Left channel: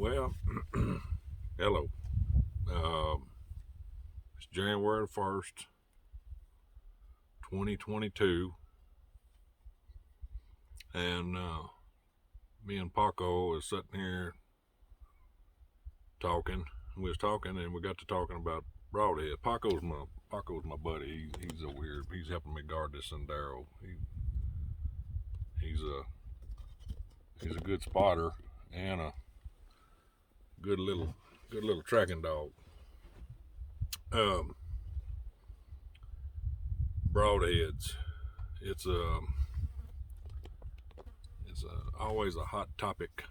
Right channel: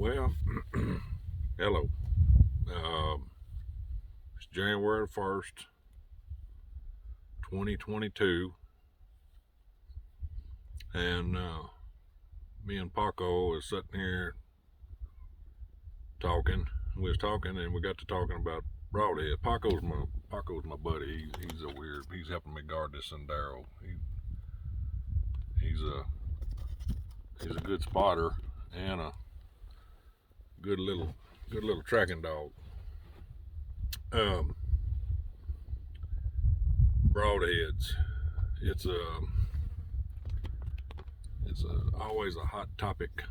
Well, hello. It's January 1st, 2022, and me and Paco is sitting here talking. We was talking, and we got to talking about Broadhead. Paco's my buddy. He's helping me guard this Sendero. He's a good spotter and a good little tracking dog. Broadheads. It's always a hot topic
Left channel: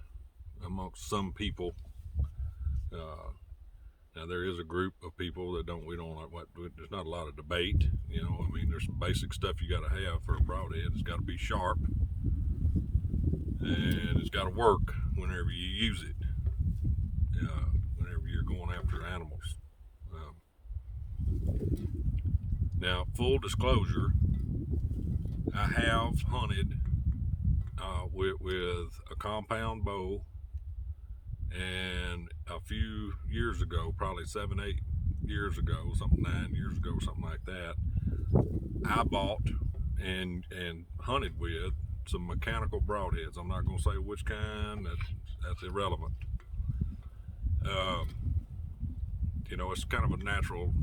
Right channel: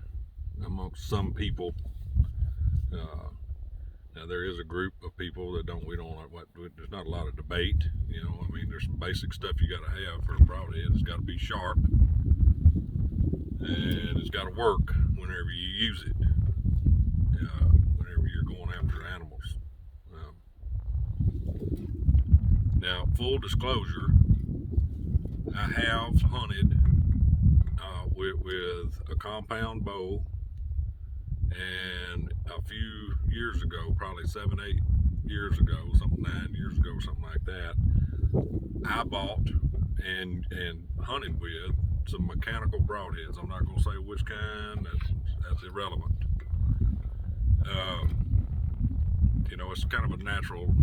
amongst some people. Now there is a group of people that there's not a lot of debate. I mean, there's some basic stuff you got to have for a broadhead. It's got to be sharp, and it's got to work whenever you use it. Whenever you're going after animals. Now, full disclosure, I have hunted with a compound bow, and a few years ago, probably 7-8 years ago, 9 years ago, something like that, I bought and hunted with some mechanical broadheads. I'm not going to say which kind. That's irrelevant. It's kind of a natural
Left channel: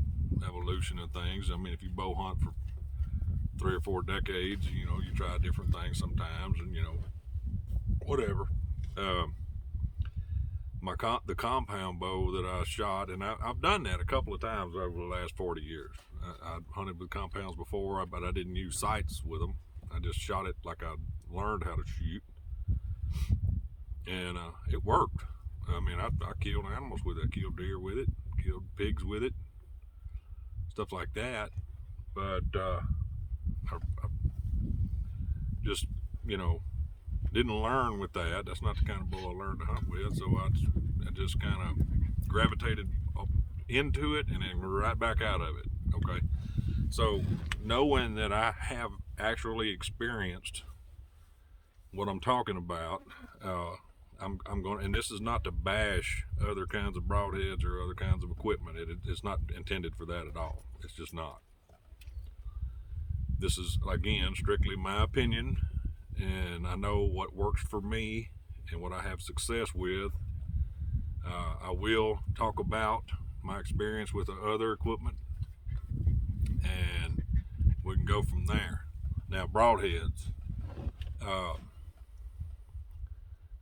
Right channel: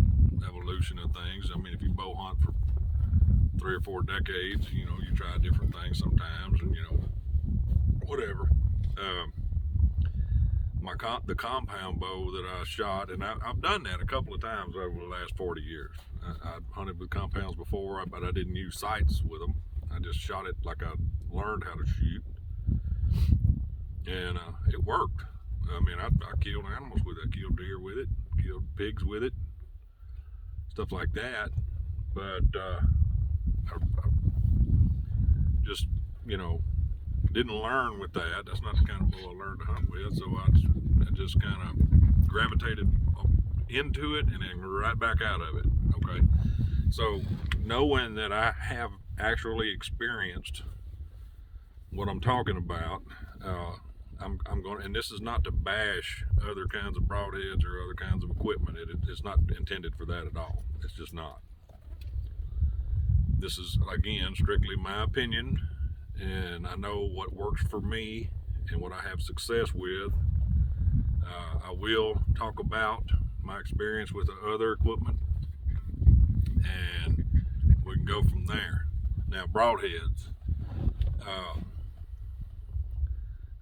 evolution of things. I mean, if you bow hunt for 3 or 4 decades, you try different things sometimes, and whatever. The compound bow that I shot, and I've done that a couple of times over the last 40 years. I hunted with compounds before, but I didn't use sights with them. I just shot it like I learned how to shoot, and it worked. I mean, I killed animals with it. I killed deer with it, killed pigs with it, stuff like that. But I just, didn't learn with that. That's not the kind of bow I learned to hunt with. So I just kind of gravitated into it and then right back out of it. Okay. So knowing that I have actually experienced what I'm talking about, I'm going, and this is not to bash other kinds of broadheads or other kinds of equipment. It's not intended for that at all. It's just not. This is, again, strictly my opinion, and I know what works for me and what I have success with. I will talk about my experience with the other equipment, and we can go from there. Now, broadheads.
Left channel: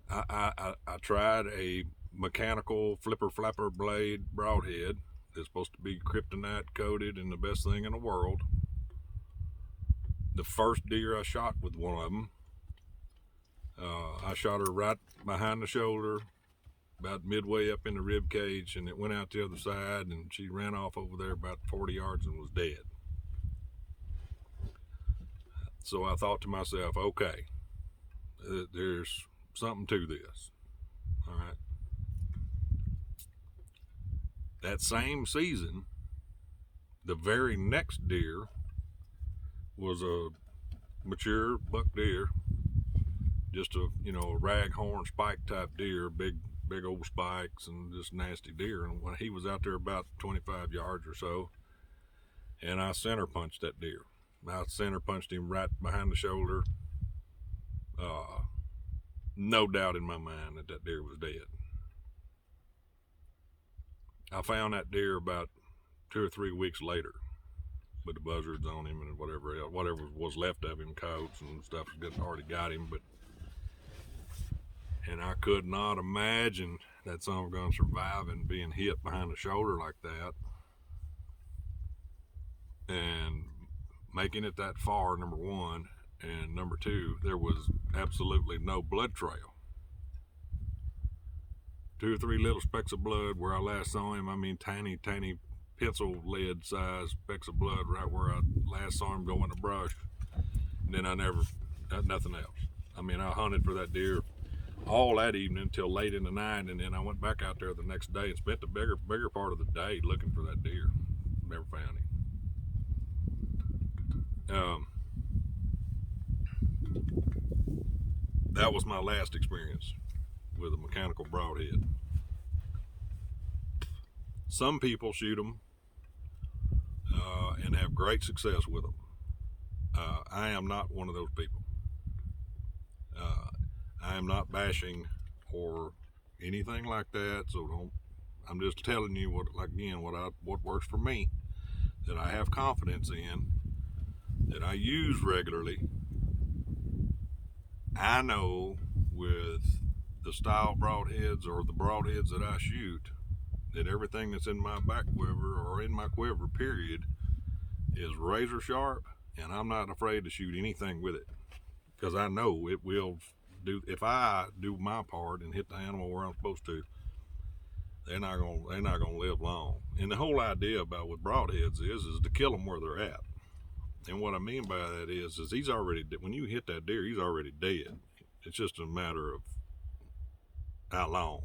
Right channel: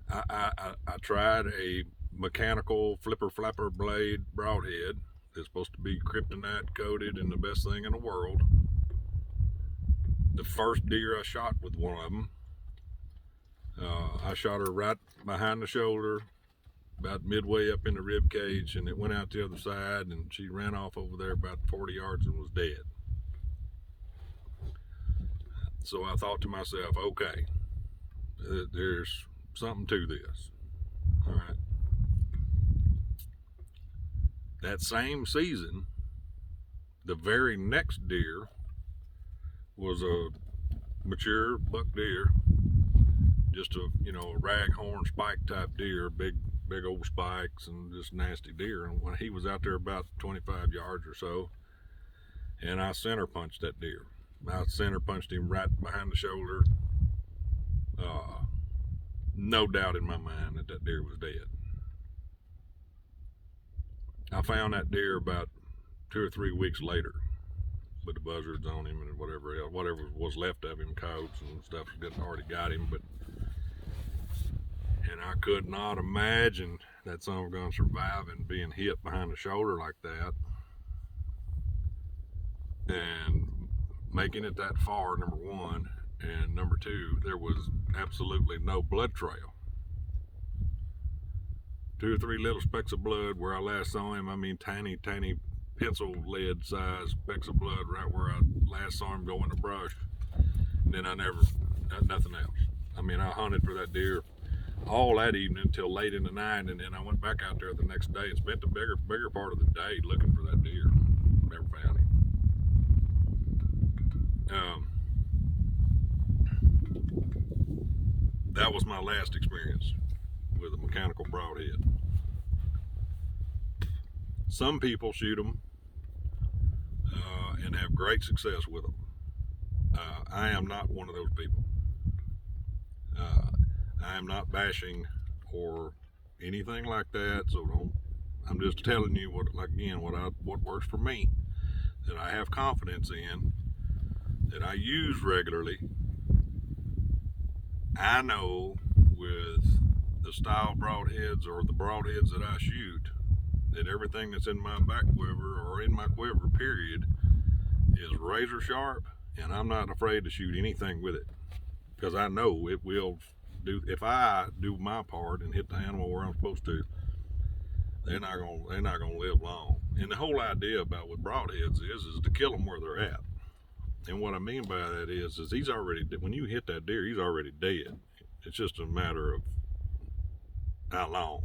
I tried a mechanical flipper flapper blade broadhead that's supposed to be kryptonite coated and the best thing in the world. The first deer I shot with one of them, I shot her right behind the shoulder, about midway up in the rib cage, and it went out the other side, and she ran off over there about 40 yards and was dead. So I thought to myself, okay, there's something to this. All right. That same season, the very next deer was a mature buck deer, just a raghorn spike type deer, big old spikes and just nasty deer. And when he was out there about 25 yards or so, and I center punched that deer. I center punched him right behind the shoulder. No doubt in my mind that deer was dead. I found that deer about 2 or 3 weeks later with the buzzards on him and whatever else, whatever was left of him, coats and stuff, already got him. And I could not imagine that son of a gun surviving being hit behind the shoulder like that and making it that far, number one. And number two, there was absolutely no blood trail. 2 or 3 little specks of blood where I last saw him. I mean, tiny pencil lead size specks of blood right where I last saw him go in the brush. And then nothing else. I mean, I hunted for that deer all that evening until late in the night, and then I went back out there the next day and spent the bigger part of the day looking for that deer. Never found him. That was my last experience with a mechanical broadhead. Some people shoot them and have great success with them. I am not one of those people. I am not bashing or anything like that, so don't. I'm just telling you what works for me, that I have confidence in, that I use regularly. I know with the style broadheads or the broadheads that I shoot, that everything that's in my back quiver or in my quiver, period, is razor sharp, and I'm not afraid to shoot anything with it, because I know it will do. If I do my part and hit the animal where I'm supposed to, they're not gonna live long. And the whole idea about with broadheads is to kill them where they're at. And what I mean by that is he's already, when you hit that deer, he's already dead. It's just a matter of how long.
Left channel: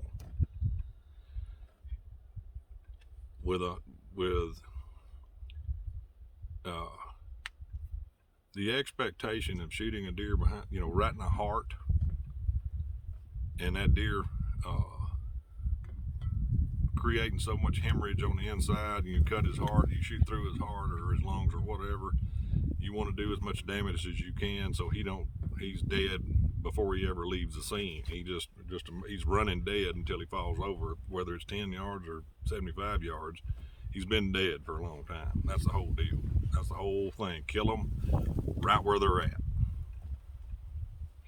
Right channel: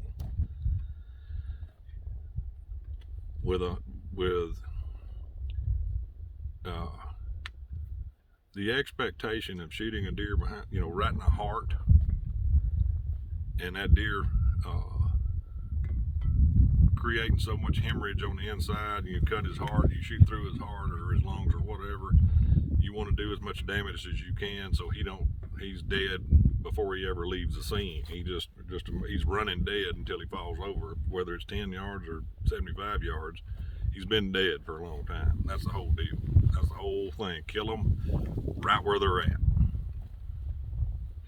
With the expectation of shooting a deer behind, right in the heart, and that deer creating so much hemorrhage on the inside, and you cut his heart, you shoot through his heart or his lungs or whatever, you want to do as much damage as you can so he's dead before he ever leaves the scene. He's running dead until he falls over, whether it's 10 yards or 75 yards. He's been dead for a long time. That's the whole deal. That's the whole thing. Kill them right where they're at.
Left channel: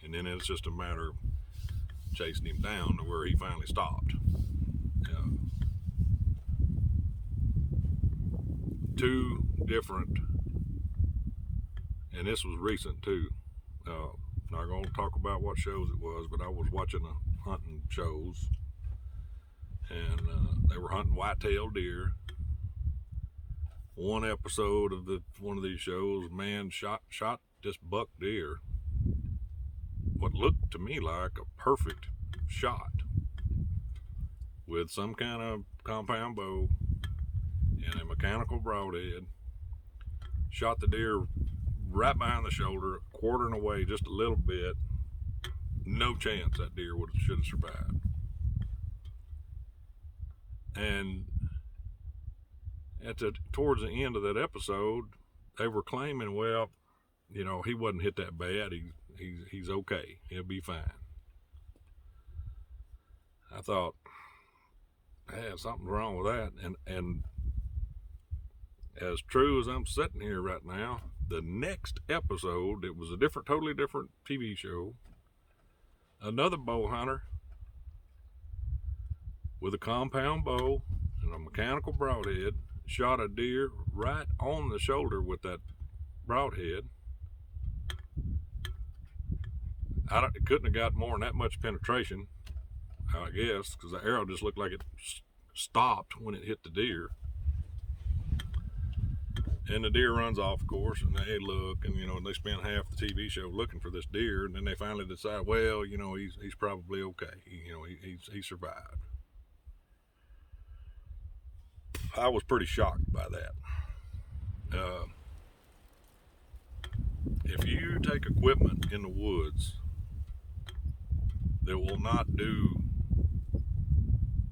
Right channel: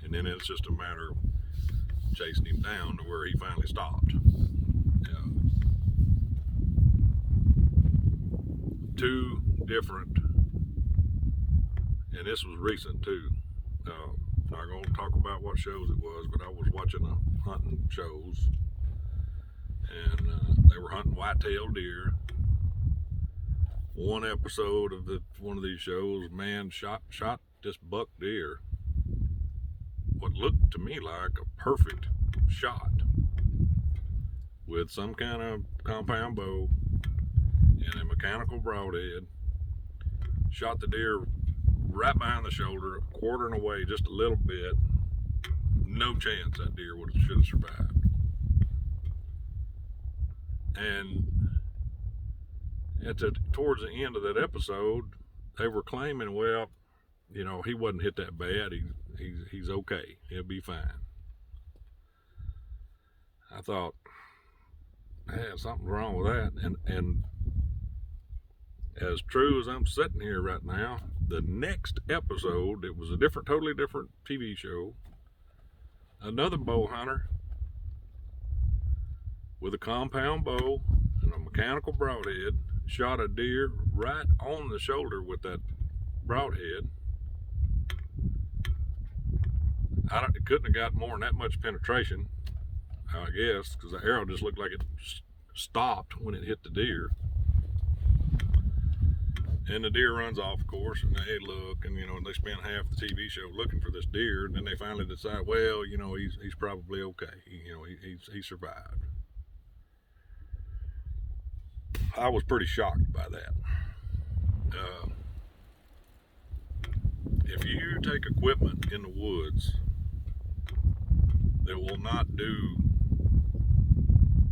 And then it's just a matter of chasing him down to where he finally stopped. Two different, and this was recent too. Not going to talk about what shows it was, but I was watching hunting shows, and they were hunting white-tailed deer. One episode of one of these shows, man shot this buck deer, what looked to me like a perfect shot, with some kind of compound bow and a mechanical broadhead. Shot the deer right behind the shoulder, quartering away just a little bit. No chance that deer should have survived. And towards the end of that episode, they were claiming, well, he wasn't hit that bad. He's okay. He'll be fine. I thought, man, something's wrong with that. And as true as I'm sitting here right now, the next episode, it was a totally different TV show. Another bow hunter with a compound bow and a mechanical broadhead shot a deer right on the shoulder with that broadhead. It couldn't have got more than that much penetration, I guess, because the arrow just looked like it stopped when it hit the deer. And the deer runs off, of course, and they look, and they spend half the TV show looking for this deer, and then they finally decide, well, he's probably okay. He survived. I was pretty shocked by that. If you take equipment in the woods that will not do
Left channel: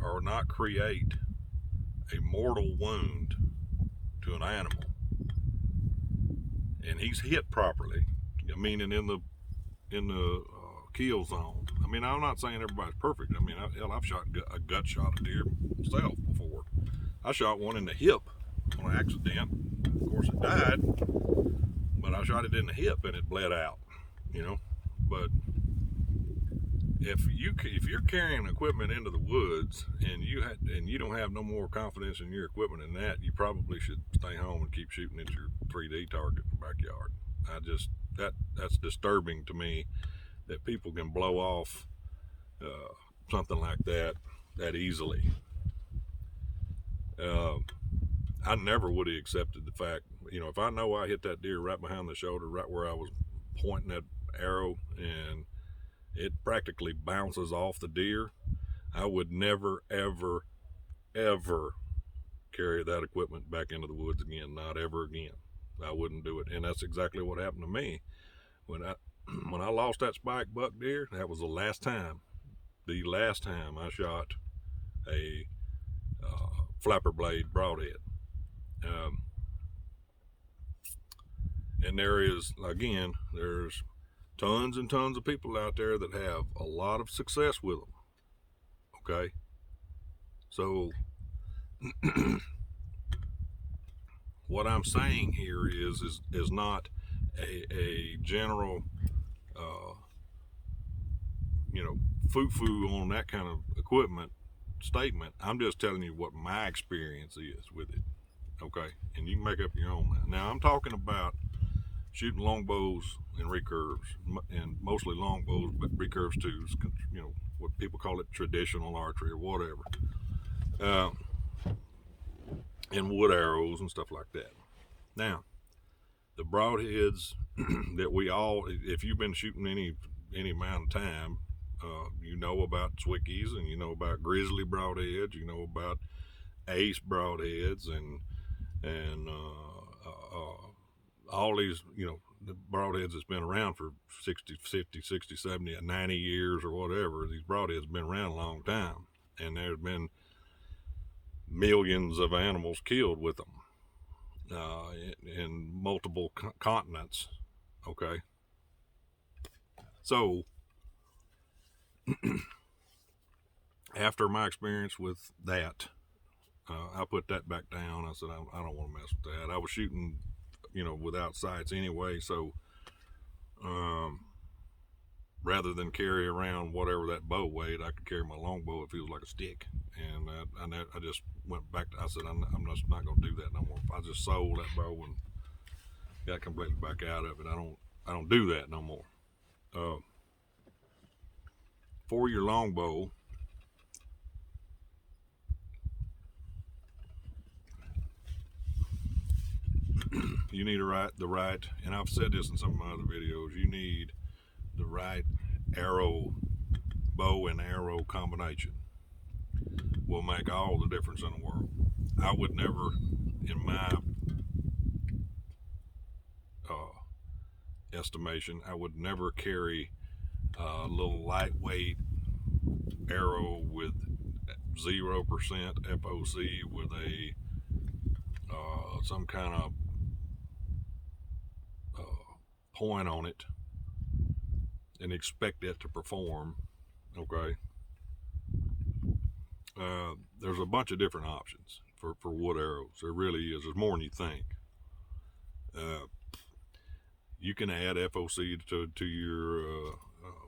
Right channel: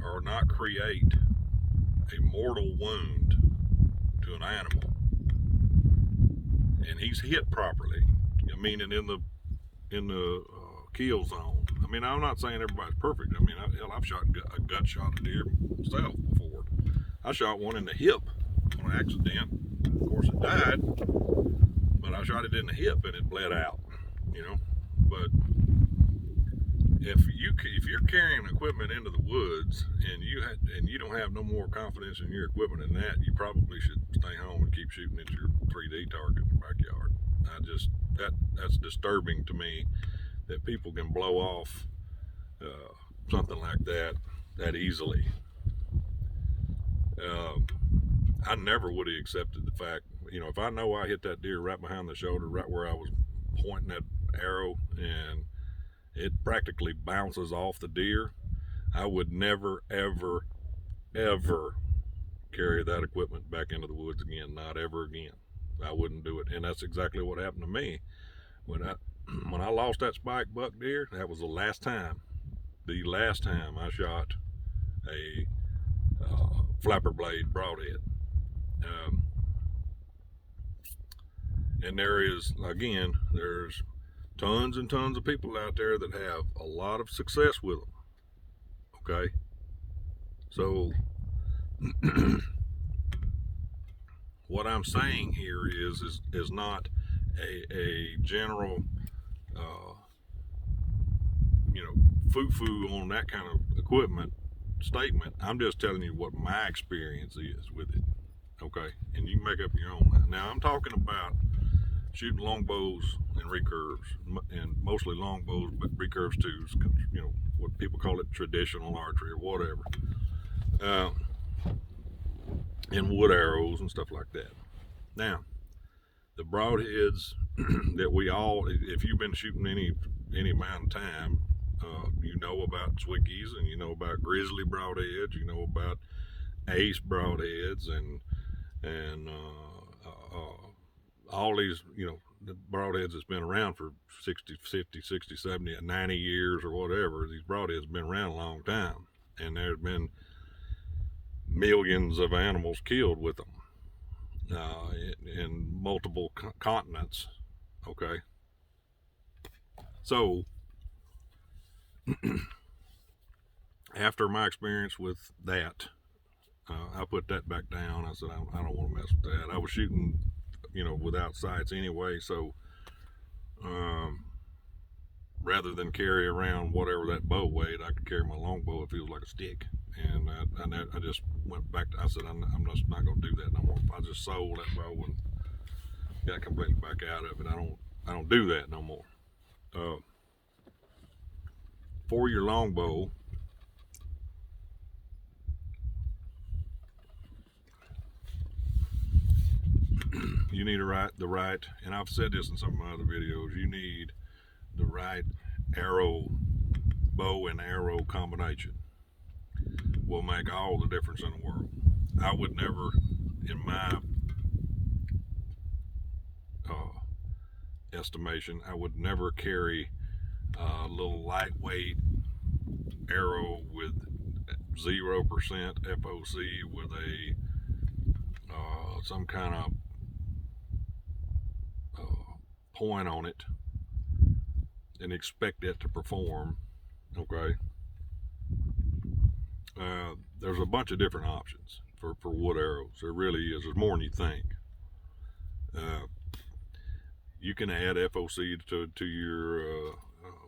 or not create a mortal wound to an animal, and he's hit properly, meaning in the kill zone. I mean, I'm not saying everybody's perfect. I mean, I've shot a gut shot a deer myself before. I shot one in the hip on accident. Of course, it died, but I shot it in the hip and it bled out. But if you're carrying equipment into the woods and you don't have no more confidence in your equipment than that, you probably should stay home and keep shooting at your 3D target in the backyard. That's disturbing to me, that people can blow off something like that easily. I never would have accepted the fact, if I know I hit that deer right behind the shoulder, right where I was pointing that arrow, and it practically bounces off the deer, I would never, ever, ever carry that equipment back into the woods again. Not ever again. I wouldn't do it. And that's exactly what happened to me. When I lost that spike buck deer, that was the last time I shot a flapper blade broadhead. And there's tons and tons of people out there that have a lot of success with them. Okay, so what I'm saying here is not a general foo-foo on that kind of equipment statement. I'm just telling you what my experience is with it. Okay, and you can make up your own. Now I'm talking about shooting longbows and recurves, and mostly longbows, but recurves too. What people call it traditional archery or whatever, and wood arrows and stuff like that. Now, the broadheads that we all, if you've been shooting any amount of time, you know about Zwicky's, and you know about grizzly broadheads, you know about ace broadheads, and all these, the broadheads that's been around for 60, 50, 60, 70, 90 years or whatever. These broadheads have been around a long time, and there's been millions of animals killed with them in multiple continents. Okay, so after my experience with that, I put that back down. I said, I don't want to mess with that. I was shooting, without sights anyway, so rather than carry around whatever that bow weighed, I could carry my longbow. It feels like a stick. And I just went back I said, I'm just not going to do that no more. I just sold that bow and got completely back out of it. I don't do that no more. For your longbow, you need the right, and I've said this in some of my other videos, you need the right bow and arrow combination. Will make all the difference in the world. I would never, in my estimation, I would never carry a little lightweight arrow with 0% FOC with a some kind of point on it and expect it to perform. Okay, there's a bunch of different options for wood arrows. There really is. There's more than you think. You can add FOC to your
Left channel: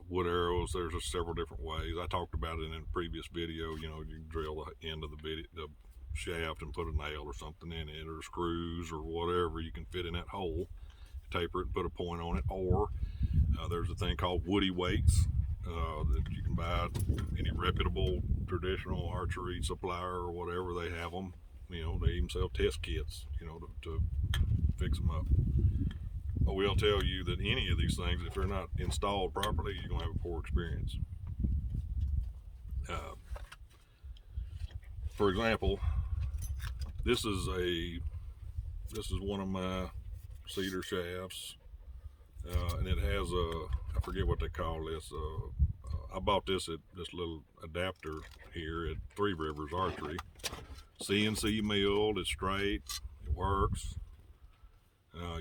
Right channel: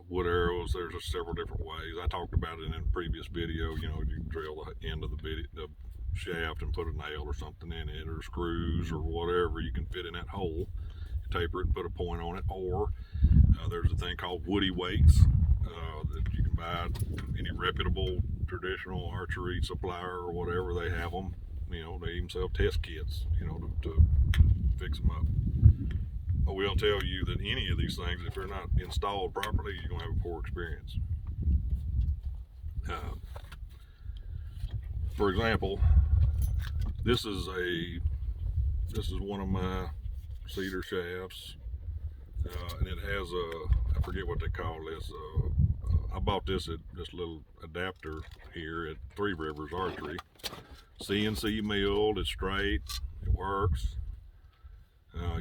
wood arrows. There's several different ways. I talked about it in a previous video. You can drill the end of the shaft and put a nail or something in it, or screws or whatever you can fit in that hole. Taper it and put a point on it. Or there's a thing called woody weights that you can buy at any reputable traditional archery supplier or whatever. They have them. They even sell test kits, to fix them up. I will tell you that any of these things, if they're not installed properly, you're gonna have a poor experience. For example, this is one of my cedar shafts, and it has I forget what they call this. I bought this at this little adapter here at Three Rivers Archery. CNC milled. It's straight. It works.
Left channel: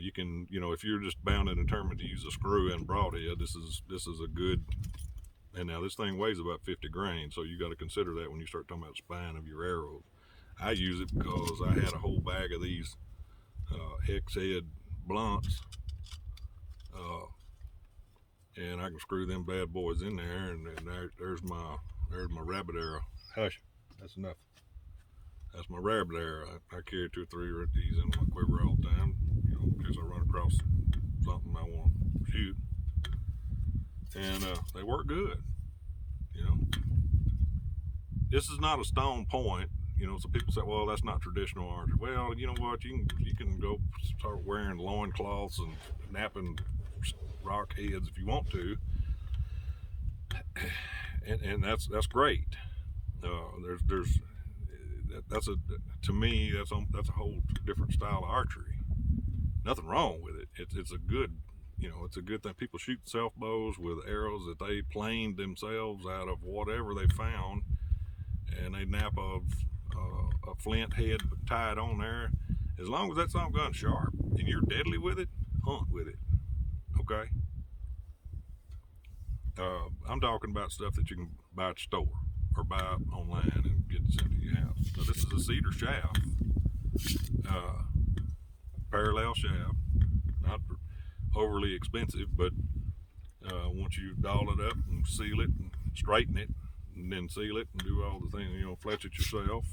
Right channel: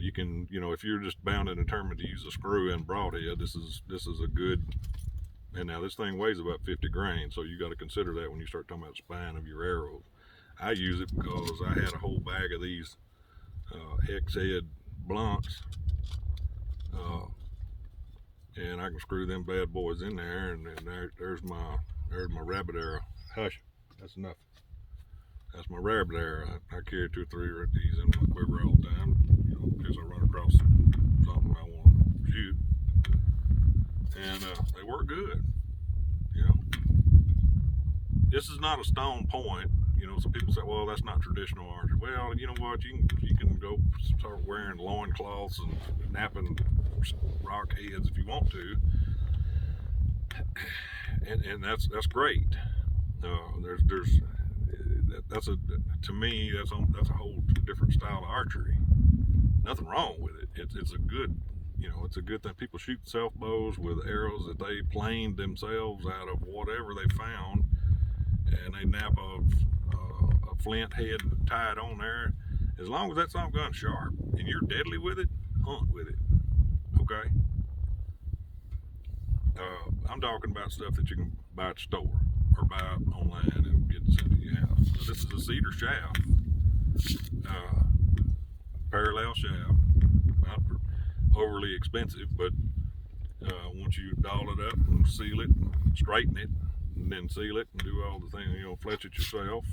You can, if you're just bound and determined to use a screw and broadhead, this is a good. And now this thing weighs about 50 grains, so you got to consider that when you start talking about the spine of your arrows. I use it because I had a whole bag of these hex head blunts, and I can screw them bad boys in there, and there's my rabbit arrow. Hush, that's enough. That's my rabbit arrow. I carry 2 or 3 of these in my quiver all the time, in case I run across something I want to shoot. And they work good. This is not a stone point. So people say, well, that's not traditional archery. Well, you know what? You can go start wearing loincloths and napping rock heads if you want to, and that's great. To me that's a whole different style of archery. Nothing wrong with it. It's a good thing. People shoot self bows with arrows that they planed themselves out of whatever they found, and they nap a flint head tied on there. As long as that something gun's sharp and you're deadly with it, hunt with it. Okay. I'm talking about stuff that you can buy at the store or buy online and get sent to your house. So this is a cedar shaft, parallel shaft, not overly expensive, but once you doll it up and seal it and straighten it and then seal it and do all the things, fletch it yourself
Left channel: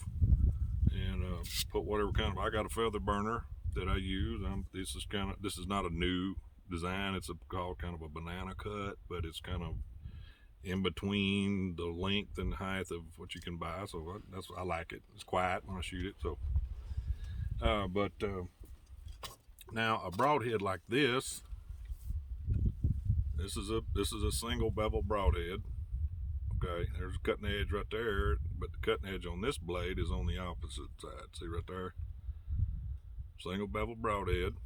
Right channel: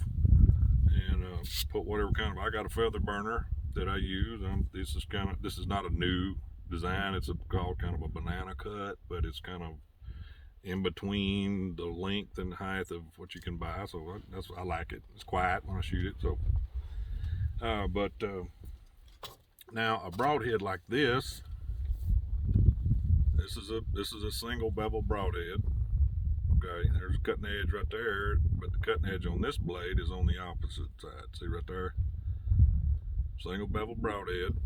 and put whatever kind of, I got a feather burner that I use. This is not a new design. It's called kind of a banana cut, but it's kind of in between the length and height of what you can buy. So I like it. It's quiet when I shoot it. So, now a broadhead like this. This is a single bevel broadhead. Okay, there's a cutting edge right there, but the cutting edge on this blade is on the opposite side. See right there? Single bevel broadhead.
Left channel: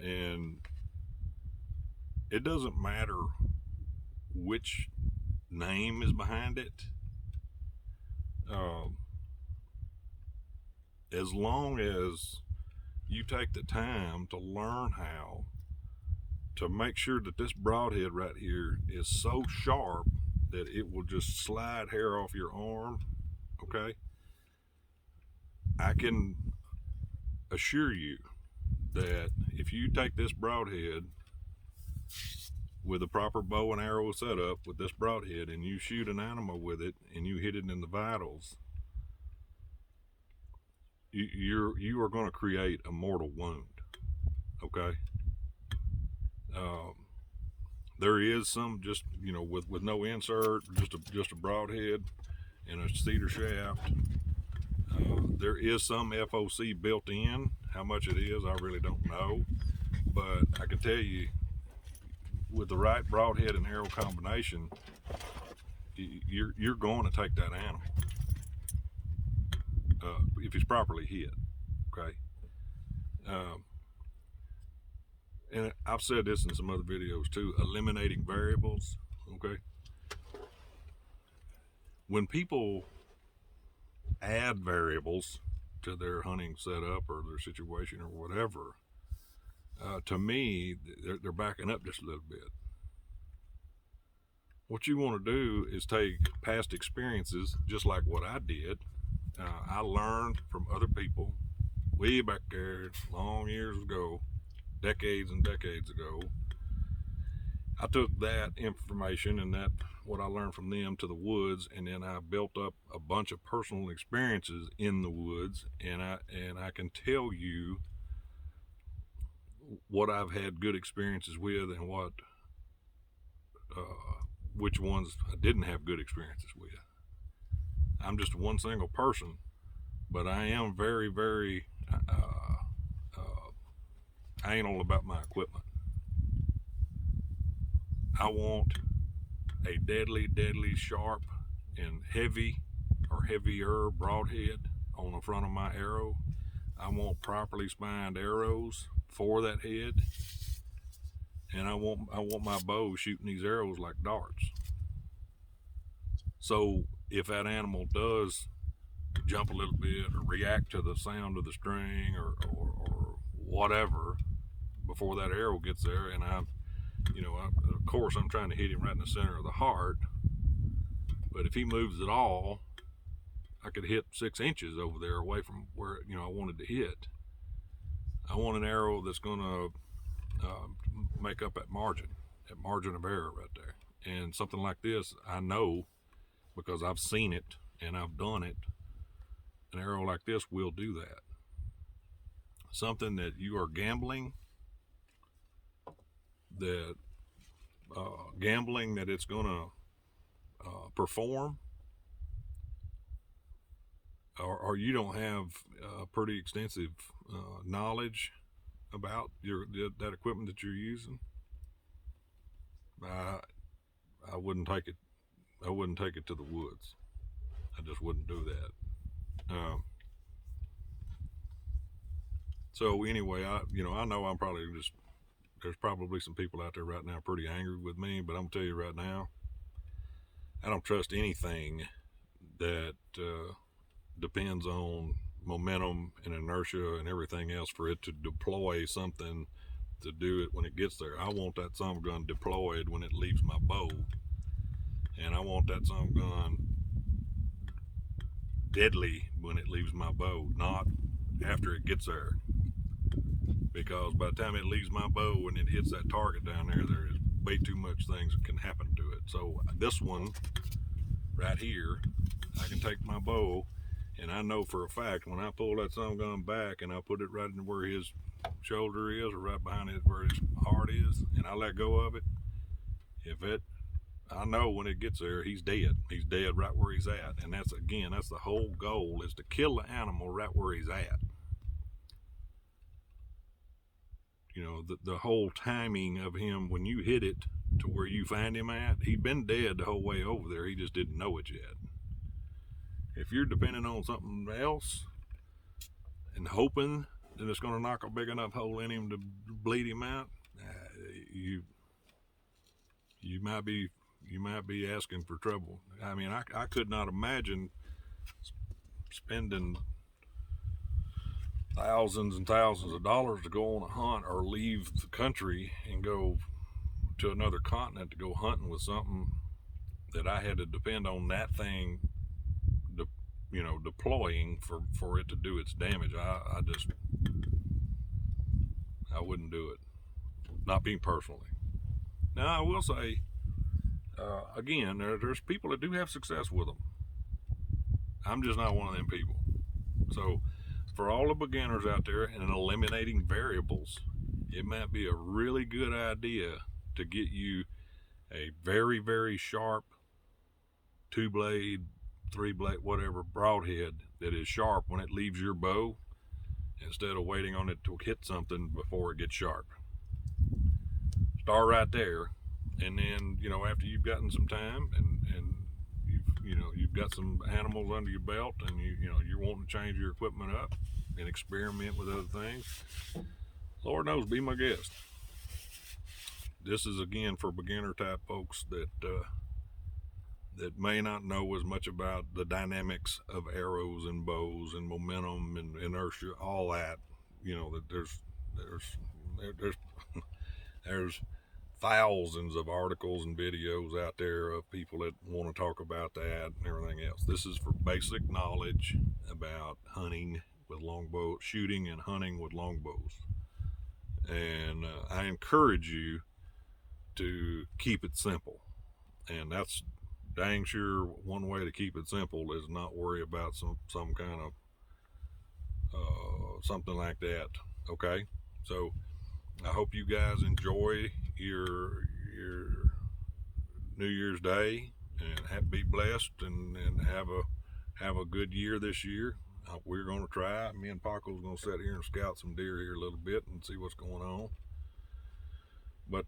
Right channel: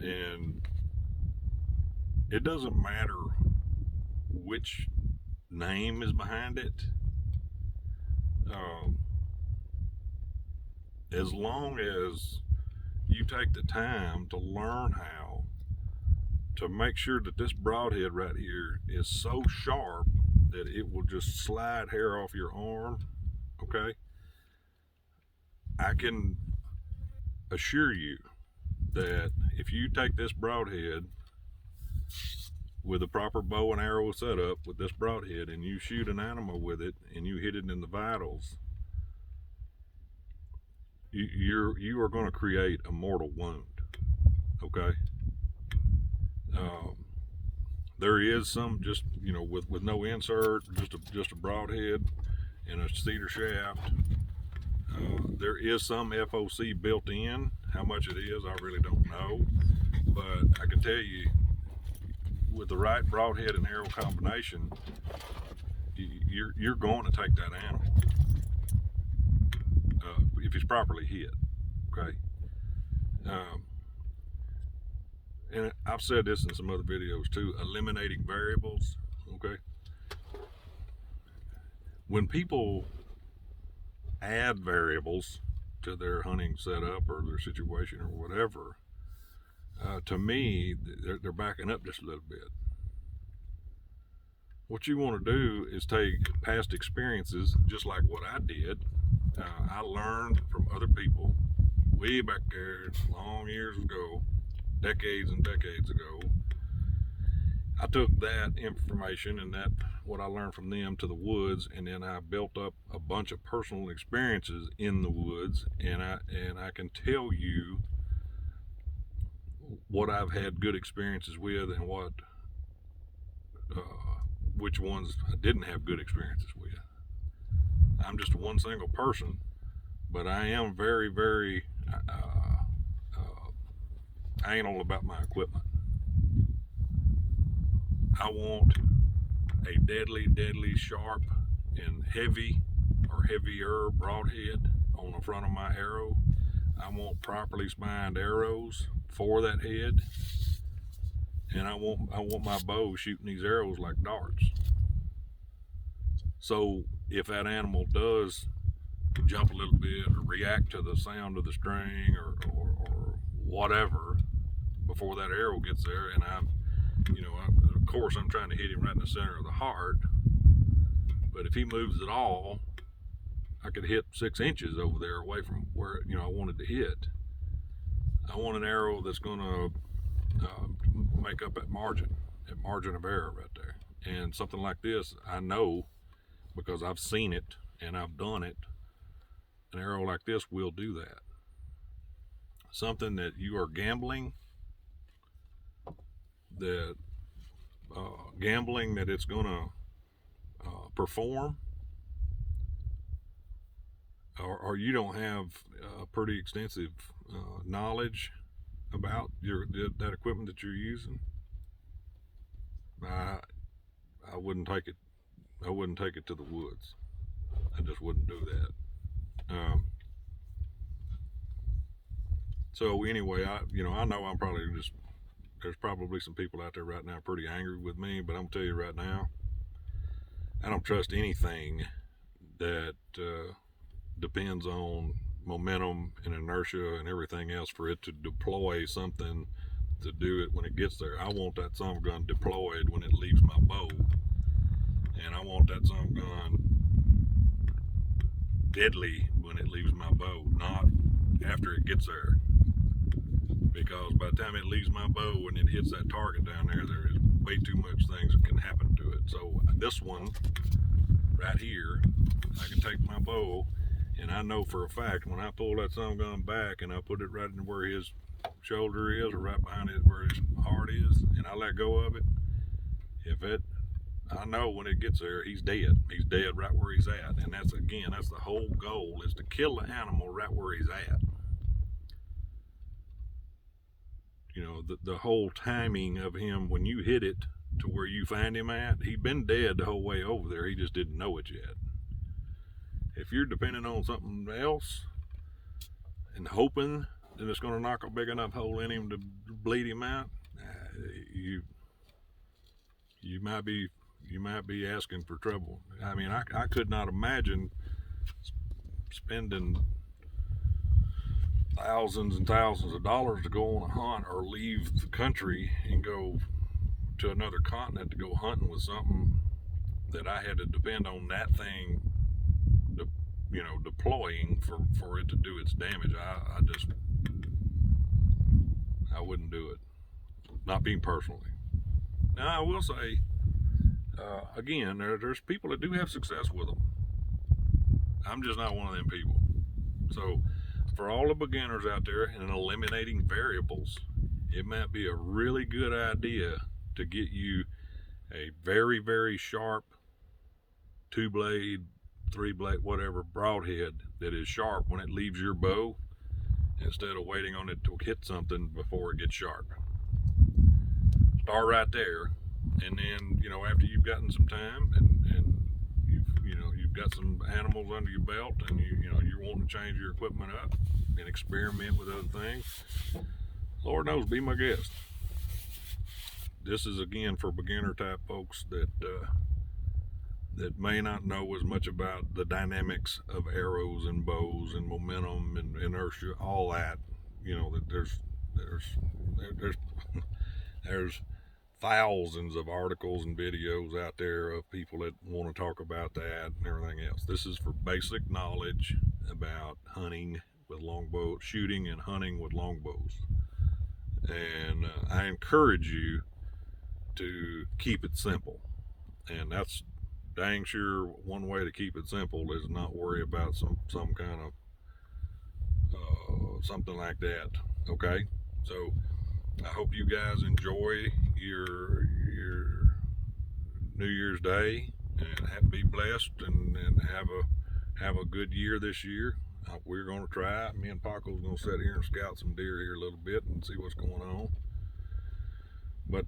And it doesn't matter which name is behind it. As long as you take the time to learn how to make sure that this broadhead right here is so sharp that it will just slide hair off your arm, okay? I can assure you that if you take this broadhead with a proper bow and arrow setup with this broadhead and you shoot an animal with it and you hit it in the vitals, you are going to create a mortal wound, okay? There is some just with no insert, just a broadhead and a cedar shaft. There is some FOC built in. How much it is, I really don't know, but I can tell you, with the right broadhead and arrow combination, you're going to take that animal if it's properly hit. Okay. And I've said this in some other videos too, eliminating variables. Okay. When people add variables to their hunting setup or their situation or whatever, to me, they're backing up just a little bit. What you want to do is take past experiences, just like what I did. I learned from other people way back there, long years ago, decades and decades ago. I took that information and what I learned from them to the woods, and then I built up a bunch of personal experiences in the woods, and I can tell you what I've had good experiences with and which ones I didn't have good experiences with. I'm just one single person, but I am very, very anal about my equipment. I want a deadly, sharp, and heavy or heavier broadhead on the front of my arrow. I want properly spined arrows for that head, and I want my bow shooting these arrows like darts. So if that animal does jump a little bit or react to the sound of the string or whatever before that arrow gets there, and of course I'm trying to hit him right in the center of the heart, but if he moves at all, I could hit 6 inches over there away from where I wanted to hit. I want an arrow that's going to make up that margin of error right there. And something like this, I know because I've seen it and I've done it. An arrow like this will do that. Something that you are gambling that it's going to perform, or you don't have pretty extensive knowledge about that equipment that you're using, I wouldn't take it. I wouldn't take it to the woods. I just wouldn't do that. So anyway, I know I'm probably there's probably some people out there right now pretty angry with me, but I'm gonna tell you right now, I don't trust anything that depends on momentum and inertia and everything else for it to deploy something to do it when it gets there. I want that son of a gun deployed when it leaves my bow, and I want that son of a gun deadly when it leaves my bow, not after it gets there. Because by the time it leaves my bow and it hits that target down there, there is way too much things that can happen to it. So this one right here, I can take my bow, and I know for a fact when I pull that son of a gun back and I put it right in where his shoulder is, or right behind it where his heart is, and I let go of it, I know when it gets there, he's dead. He's dead right where he's at. And that's the whole goal, is to kill the animal right where he's at. You know, the whole timing of him, when you hit it to where you find him at, he'd been dead the whole way over there. He just didn't know it yet. If you're depending on something else and hoping that it's going to knock a big enough hole in him to bleed him out, you might be asking for trouble. I mean, I could not imagine spending thousands and thousands of dollars to go on a hunt or leave the country and go to another continent to go hunting with something that I had to depend on that thing, deploying for it to do its damage. I wouldn't do it. Not being personally. Now I will say, again, there's people that do have success with them. I'm just not one of them people. So for all the beginners out there and eliminating variables, it might be a really good idea to get you a very, very sharp 2-blade, 3-blade, whatever broadhead that is sharp when it leaves your bow, instead of waiting on it to hit something before it gets sharp. Start right there, and then after you've gotten some time and you've got some animals under your belt, and you're wanting to change your equipment up and experiment with other things, Lord knows, be my guest. This is again for beginner type folks that may not know as much about the dynamics of arrows and bows and momentum and inertia, all that. That there's thousands of articles and videos out there of people that want to talk about that and everything else. This is for basic knowledge about hunting with longbow, shooting and hunting with longbows. And I encourage you to keep it simple. And that's dang sure one way to keep it simple is not worry about some kind of something like that. Okay, so I hope you guys enjoy your New Year's Day and be blessed and have a good year this year. We're going to try. Me and Paco's going to sit here and scout some deer here a little bit and see what's going on. But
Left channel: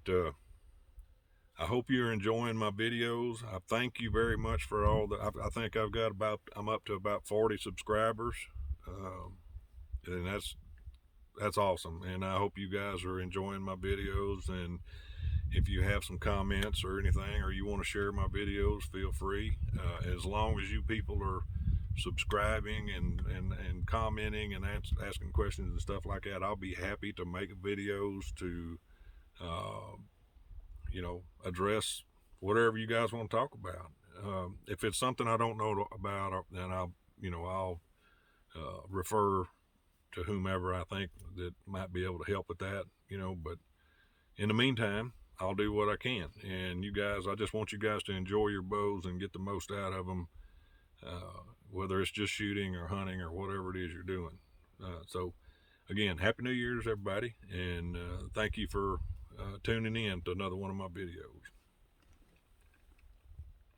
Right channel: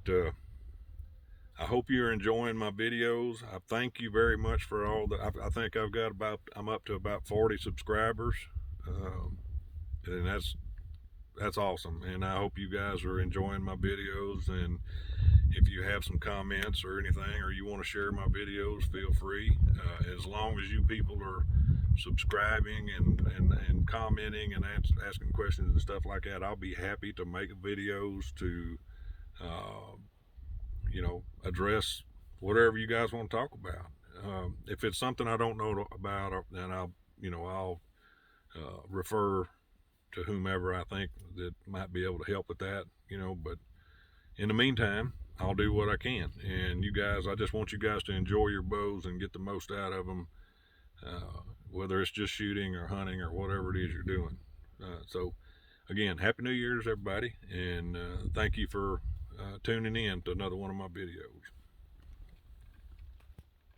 I hope you're enjoying my videos. I thank you very much for all the. I think I'm up to about 40 subscribers, and that's awesome. And I hope you guys are enjoying my videos. And if you have some comments or anything, or you want to share my videos, feel free. As long as you people are subscribing and commenting and asking questions and stuff like that, I'll be happy to make videos to address whatever you guys want to talk about. If it's something I don't know about, then I'll refer to whomever I think that might be able to help with that, but in the meantime, I'll do what I can. And you guys, I just want you guys to enjoy your bows and get the most out of them, whether it's just shooting or hunting or whatever it is you're doing. So again, Happy New Year's, everybody, and thank you for tuning in to another one of my videos.